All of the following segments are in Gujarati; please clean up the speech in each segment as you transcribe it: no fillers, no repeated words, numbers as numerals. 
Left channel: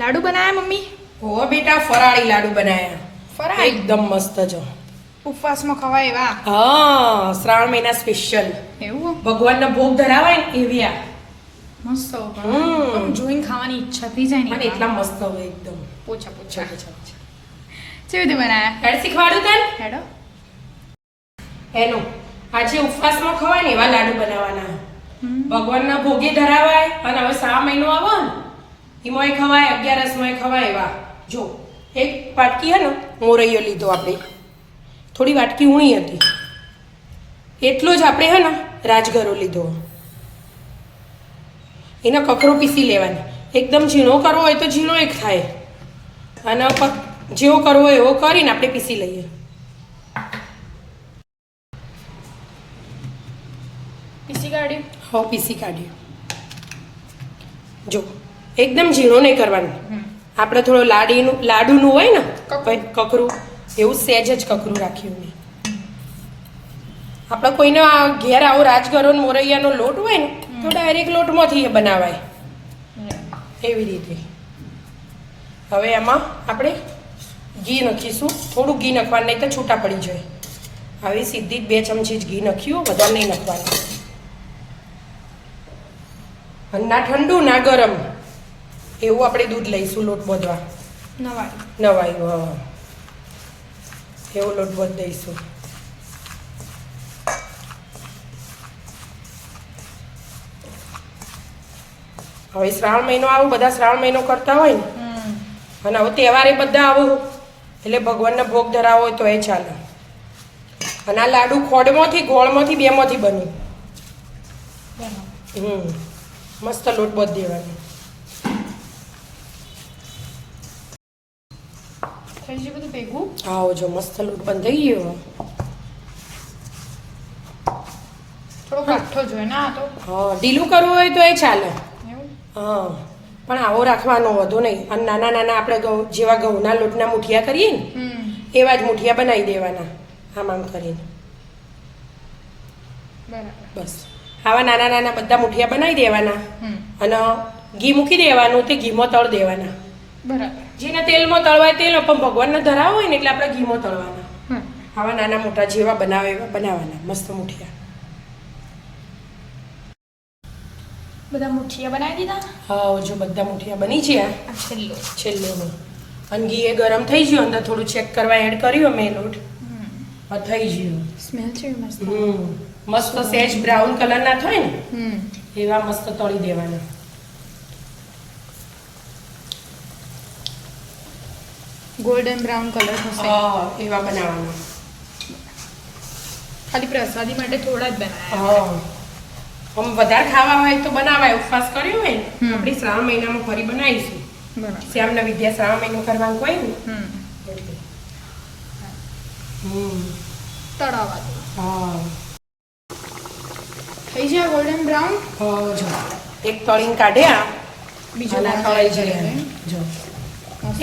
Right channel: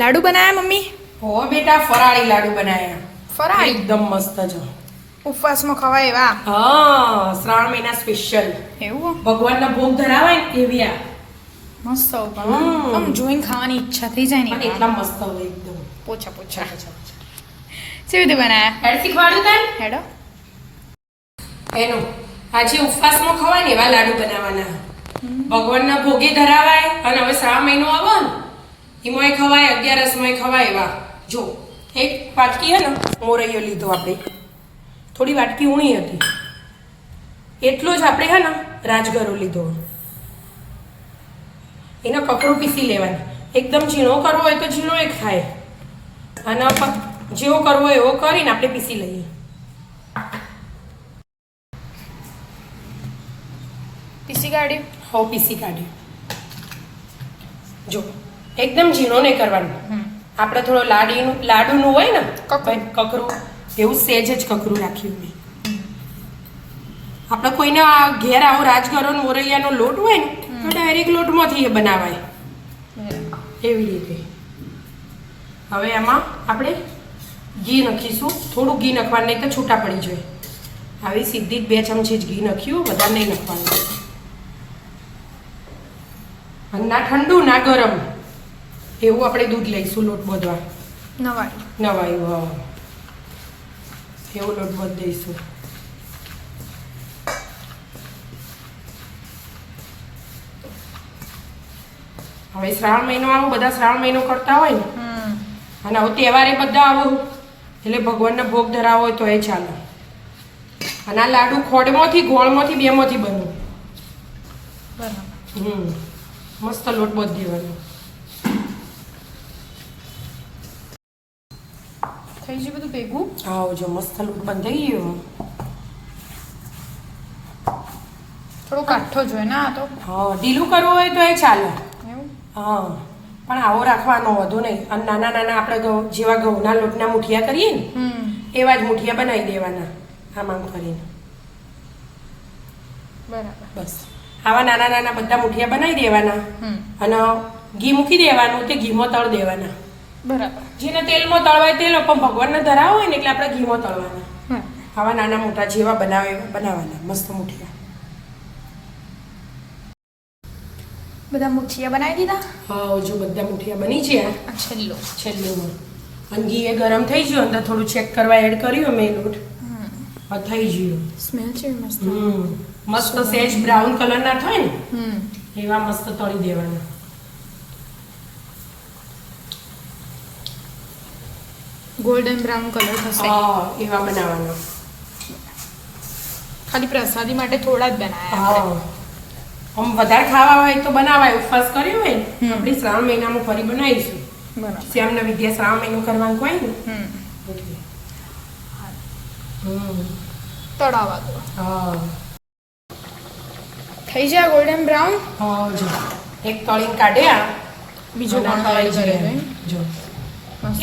લાડુ બનાયા મમ્મી? હો બેટા, ફરાળી લાડુ બનાયા. ફરાળી? એકદમ મસ્ત જો. ઉપવાસમાં ખવાય એવા? હા, શ્રાવણ મહિના સ્પેશિયલ. એવું? ભગવાનના ભોગ ધરાવાય ને એવી આ. મસ્ત આમ જોઈને ખાવાની ઈચ્છા થઈ જાય ને. પણ એટલા મસ્ત હોય એકદમ. પોછા પોછા. અચ્છા. કેવી રીતે બનાયા? હેડ શીખવાડું તને? હેડો. એનું આજે ઉપવાસમાં ખવાય ને એવા લાડુ બનાવવાના. ભગવાનના ભોગે ધરાવાય અને હવે શ્રાવણ મહિનો આવે ને એમાંય ખવાય, 11સમાંય ખવાય એવા. જો એક વાટકી હે ને મોરૈયો લીધો આપણે, થોડી વાટકી ઊણી હતી, એટલો જ આપણે હે ને રાજગરો લીધો. એનો કકરો પીસી લેવાનો. એકદમ ઝીણો કરવો હોય તો ઝીણો એક થાય, અને જેવો કરવો હોય એવો કરીને આપણે પીસી લઈએ. પીસી કાઢ્યું? હા, પીસી કાઢ્યું. જો એકદમ ઝીણો નહીં કરવાનું. આપણે થોડો લાડુનું હોય ને કકરું, એવું સહેજ જ કકરું રાખ્યું મેં. આપણે કોઈના ઘેર આવો રાજગરો મોરૈયાનો લોટ હોય ને તો ડાયરેક્ટ લોટમાંથી એ બનાવાય એવી રીતે. હવે એમાં આપણે ઘી નાખીશું. થોડું ઘી નાખવાનું, નહીં તો છૂટા પડી જાય. આવી સીધી 2 ચમચી જ ઘી નાખ્યું, વધારે નહીં નાખવાનું. અને ના ઠંડુ ના ગરમ એવું આપણે દૂધ લઈશું લોટ બધવા. નવાયું હા, એવું લોટ બધ દઈશું. હવે શ્રાવણ મહિનો આવો, બધા શ્રાવણ મહિનો કરતા હોય ને, અને હવે તહેવારે બધા આવો એટલે ભગવાનના ભોગ ધરાવો હોય તો એ ચાલે. અને આ લાડુ ખોડમાંથી, ગોળમાંથી, બેમાંથી બને. મસ્ત લોટ બધ દેવાનો. થઈ ગયું બધું ભેગું? આવો જો મસ્ત લોટ બંધાઈ ગયો. થોડો કાઠો જોઈએ ને આ તો? હા, ઢીલું કરવું હોય તો એ ચાલે. એવું? હા, પણ આવો રાખવાનો, વધુ નહીં. અને નાના નાના આપણે જેવા ઘઉંના લોટના મુઠિયા કરીએ ને એવા જ મુઠિયા બનાવી દેવાના આમ આમ કરીને. બરાબર. બસ આવા નાના નાના બધા મુઠિયા બનાવી દેવાના, અને ઘી મૂકી દેવાનું, તે ઘીમાં તળ દેવાના. બરાબર. જેને તેલમાં તળવાય તેલ, પણ ભગવાનને ધરાવો હોય ને એટલે આપણે ઘીમાં તળવાના. આવા નાના મોટા જેવા બનાવે એવા બનાવવાના મસ્ત મુઠિયા. બધા મુઠિયા બનાવી દીધા? હા, જો બધા મુઠિયા બની છે. આ છેલ્લો અને ઘી એ ગરમ થઈ ગયું, અંદર થોડું ચેક કરવા એડ કર્યું મેં લોટ. હા, થઈ ગયું. સ્મેલ છે મસ્ત. મસ્ત સેજ બ્રાઉન કલર ના થાય ને એવા મસ્ત તળી દેવાના. ગોલ્ડન બ્રાઉન કલર થશે. હા, એવા બનાવવાના. ખાલી પ્રસાદી માટે થોડા જ બનાવ્યા. હા, આમ વધારે ખાવા હોય તો બનાવાય. ઉપવાસ કર્યો હોય ને આપણે શ્રાવણ મહિનામાં ફરી બનાવીશું. બરાબર. શ્યામને વિદ્યા શ્રાવણ મહિનો કરવાનું કોઈ ને એટલે. તળાવા દો. હા, થઈ જાય ગોલ્ડન બ્રાઉન. હા, જો એક તળીને કાઢ્યા, બીજું ના તળાઈ તળાઈ જાય. જો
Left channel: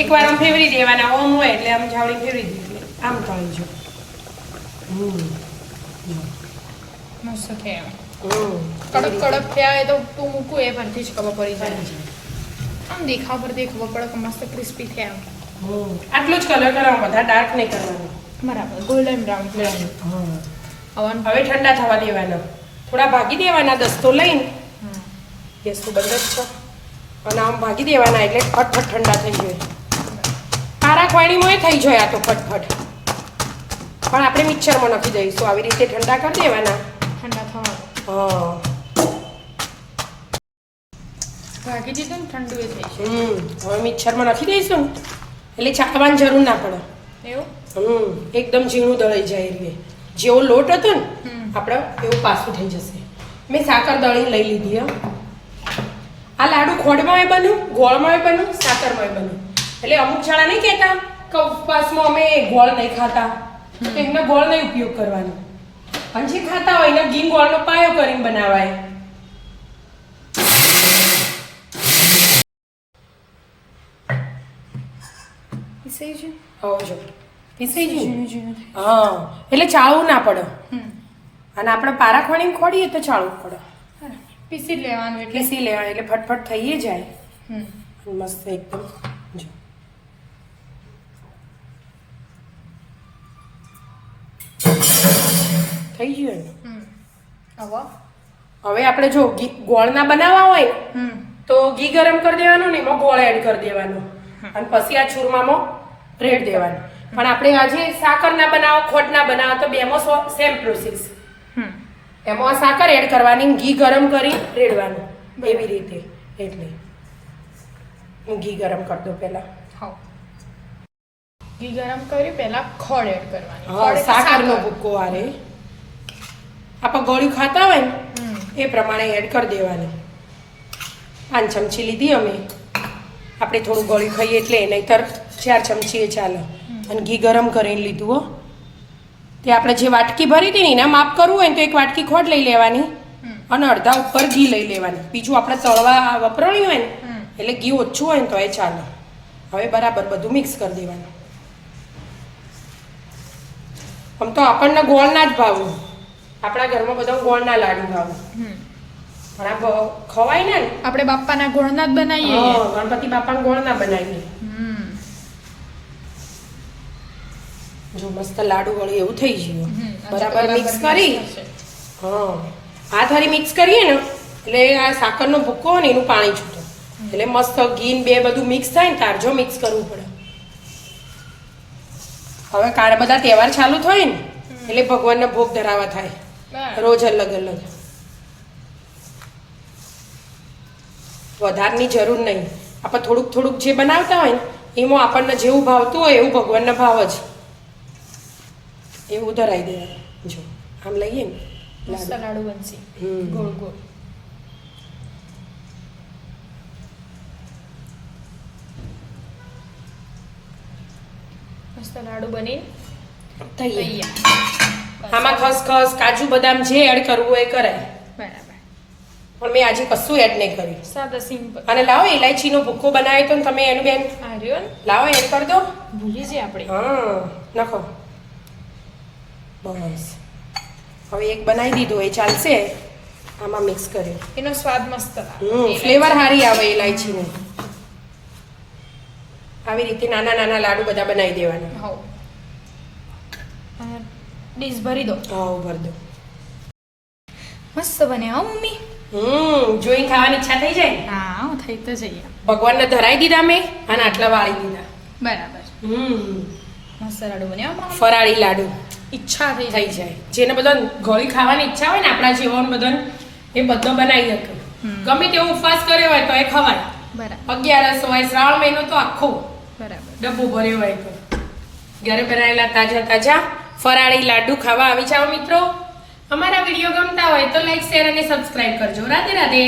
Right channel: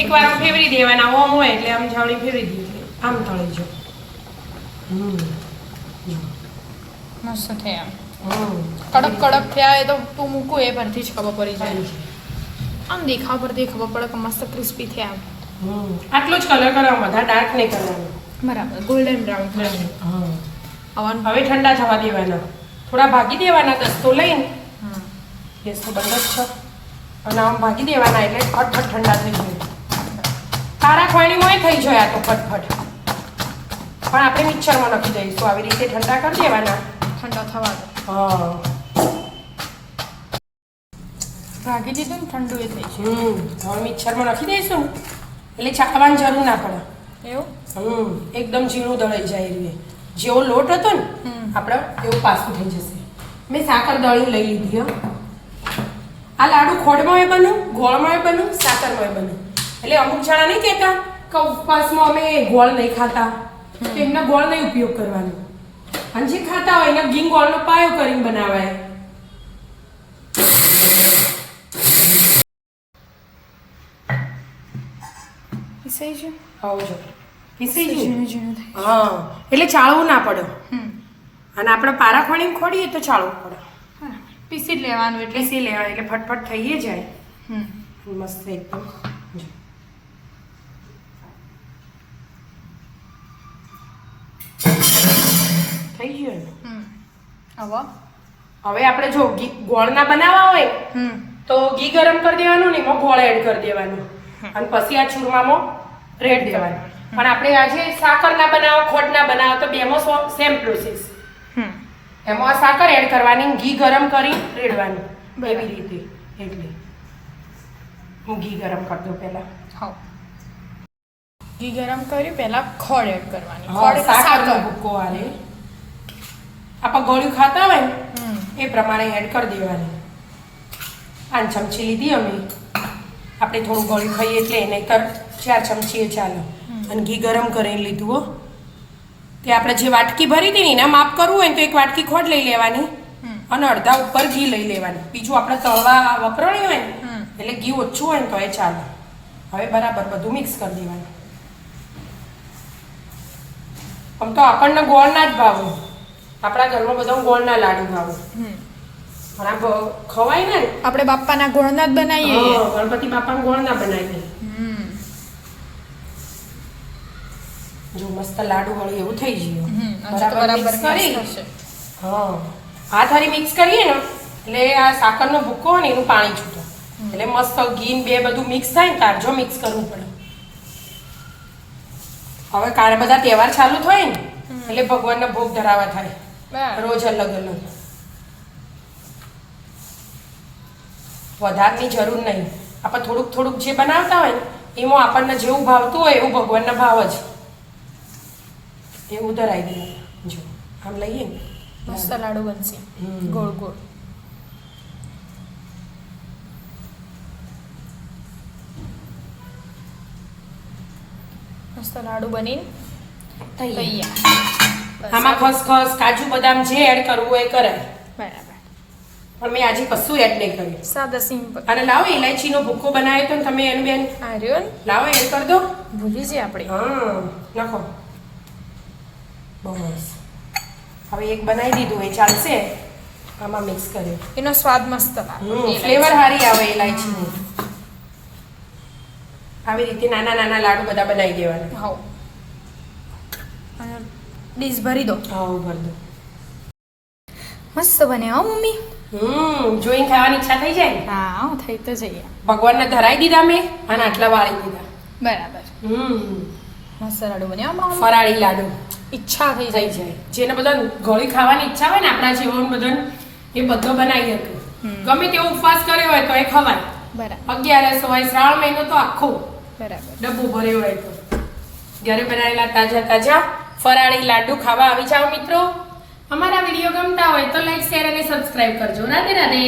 એકવાર આમ ફેવરી દેવાના. ઓમ હોય એટલે આમ જાવડી ફેવરી દીધી, આમ તળી જો. મસ્ત થયા. કડક કડક થયા એ તો તું મૂકું એ પરથી જ ખબર પડી જાય. આમ દેખાવ પરથી ખબર પડે કે મસ્ત ક્રિસ્પી થયા. આટલો જ કલર કરવાનો, વધારે ડાર્ક નહીં કરવાનો. બરાબર. Golden brown colour. હવે ઠંડા થવા દેવાના, થોડા ભાગી દેવાના. દસ્તો લઈને ગેસ તો બંધ જ છે, અને આમ ભાગી દેવાના એટલે ફટફટ ઠંડા થઈ જાય. કારા ખવાણીમાં થઈ જાય આ તો ફટફટ. પણ આપણે મિક્સરમાં નાખી દઈશું. આવી રીતે ઠંડા કરી દેવાના. ઠંડા થવા દો. હા, ભાગી દીધું ને ઠંડુ એ થઈ છે. હવે મિક્સરમાં નાખી દઈશું એટલે ચાખવાની જરૂર ના પડે. એવું? એકદમ ઝીણું દળાઈ જાય. એટલે જેવો લોટ હતો ને આપણે એવું પાછું થઈ જશે. મેં સાકર દળી લઈ લીધી. આ લાડુ ખોડમાં બન્યું, ગોળમાં બન્યું, સાકરમાં બન્યું. એટલે અમુક જણા નહીં કહેતા કે ઉપવાસમાં અમે ગોળ નહીં ખાતા, તો એમના ગોળ નહીં ઉપયોગ કરવાનો. અને જે ખાતા હોય એને ઘી ગોળનો પાયો કરીને બનાવાય. પીસાઈ છે? આવજો પીસી ઝીણું ઝીણું થાય. હા, એટલે ચાળવું ના પડે. અને આપણે પારા ખોડીને ખોડીએ તો ચાળવું પડે. પીસી જ લેવાનું એટલે પીસી લેવાય એટલે ફટફટ થઈ જાય. મસ્ત એકદમ જો થઈ ગયું ને હવે હવે આપણે જો ગોળના બનાવવા હોય તો ઘી ગરમ કરી દેવાનું ને એમાં ગોળ એડ કરી દેવાનું અને પછી આ ચૂરમામાં રેડ દેવાનું પણ આપણે આજે સાકરના બનાવો ખોટના બનાવો તો બેમાં સેમ પ્રોસેસ એમાં સાકર એડ કરવાની ઘી ગરમ કરી રેડવાનું એવી રીતે એટલે હું ઘી ગરમ કરી દઉં પહેલા હા ઘી ગરમ કરી પહેલા ખોળ એડ કરવાની સાકરનો ભૂકો આરે આપણે ગોળ્યું ખાતા હોય ને એ પ્રમાણે એડ કરી દેવાની 5 ચમચી લીધી અમે આપણે થોડું ગળ્યું ખાઈએ એટલે નહીંતર 4 ચમચી એ ચાલે અને ઘી ગરમ કરીને લીધું હો તે આપણે જે વાટકી ભરી હતી ને એના માપ કરવું હોય ને તો એક વાટકી ખોટ લઈ લેવાની અને અડધા ઉપર ઘી લઈ લેવાની બીજું આપણે તળવા વપરાયું હોય ને એટલે ઘી ઓછું હોય ને તો એ ચાલે હવે બરાબર બધું મિક્સ કરી દેવાનું આમ તો આપણને ગોળના જ ભાવું આપણા ઘરમાં બધા ગોળના લાડુ ભાવું પણ આ ખવાય ને આપણે બાપાના ગોળના જ બનાવીએ ગણપતિ બાપાના ગોળના બનાવીએ જો મસ્ત લાડુ વળી એવું થઈ ગયું બરાબર મિક્સ કરી હા હાથ હરી મિક્સ કરીએ ને એટલે આ સાકરનો ભૂકો ને એનું પાણી છૂટે એટલે મસ્ત ઘી બે બધું મિક્સ થાય ને તારજો મિક્સ કરવું પડે હવે કારે બધા તહેવાર ચાલુ થાય ને એટલે ભગવાનને ભોગ ધરાવા થાય રોજ અલગ અલગ વધારની જરૂર નહીં આપણે થોડુંક થોડુંક જે બનાવતા હોય ને એમાં આપણને જેવું ભાવતું હોય એવું ભગવાનને ભાવ જ એવું ધરાઈ દે જો આમ લઈએ ને મસ્ત લાડુ બનશે ગોળ ગોળ મસ્ત લાડુ બનીને તૈયાર આમાં ખસખસ કાજુ બદામ જે એડ કરવું હોય કરાય બરાબર પણ મેં આજે કશું એડ નહીં કર્યું સાદા સિમ્પલ અને લાવો ઇલાયચીનો ભૂકો બનાવ્યો તો ને તમે એની બેન આર્યન લાવો એડ કરી દો ભૂલી જઈએ આપણે હા લખો બસ હવે એક બનાવી દીધો એ ચાલશે આમાં મિક્સ કર્યો એનો સ્વાદ મસ્ત લાગે ફ્લેવર સારી આવે ઇલાયચીનો આવી રીતે નાના નાના લાડુ બધા બનાવી દેવાના હા અને ડીશ ભરી દો હા ભરી દો મસ્ત બને હો મમ્મી જોઈને ખાવાની ઈચ્છા થઈ જાય હા થઈ તો જઈએ ભગવાનને ધરાઈ દીધા મેં અને આટલા વાળી દીધા બરાબર મસ્ત લાડુ બન્યા મમ્મી ફરાળી લાડુ ઈચ્છા થઈ થઈ જાય જેને બધા ગળી ખાવાની ઈચ્છા હોય ને આપણા જેવાને બધાને એ બધો બનાવી હતું ગમે તેવો ઉપવાસ કર્યો હોય તો એ ખવાય બરાબર 11 હોય શ્રાવણ મહિનો તો આખો બરાબર ડબ્બો ભર્યો હોય તો ઘરે બનાવેલા તાજા તાજા ફરાળી લાડુ ખાવા આવી જાઓ મિત્રો અમારા વિડીયો ગમતા હોય તો લાઈક શેર અને સબસ્ક્રાઇબ કરજો રાધે રાધે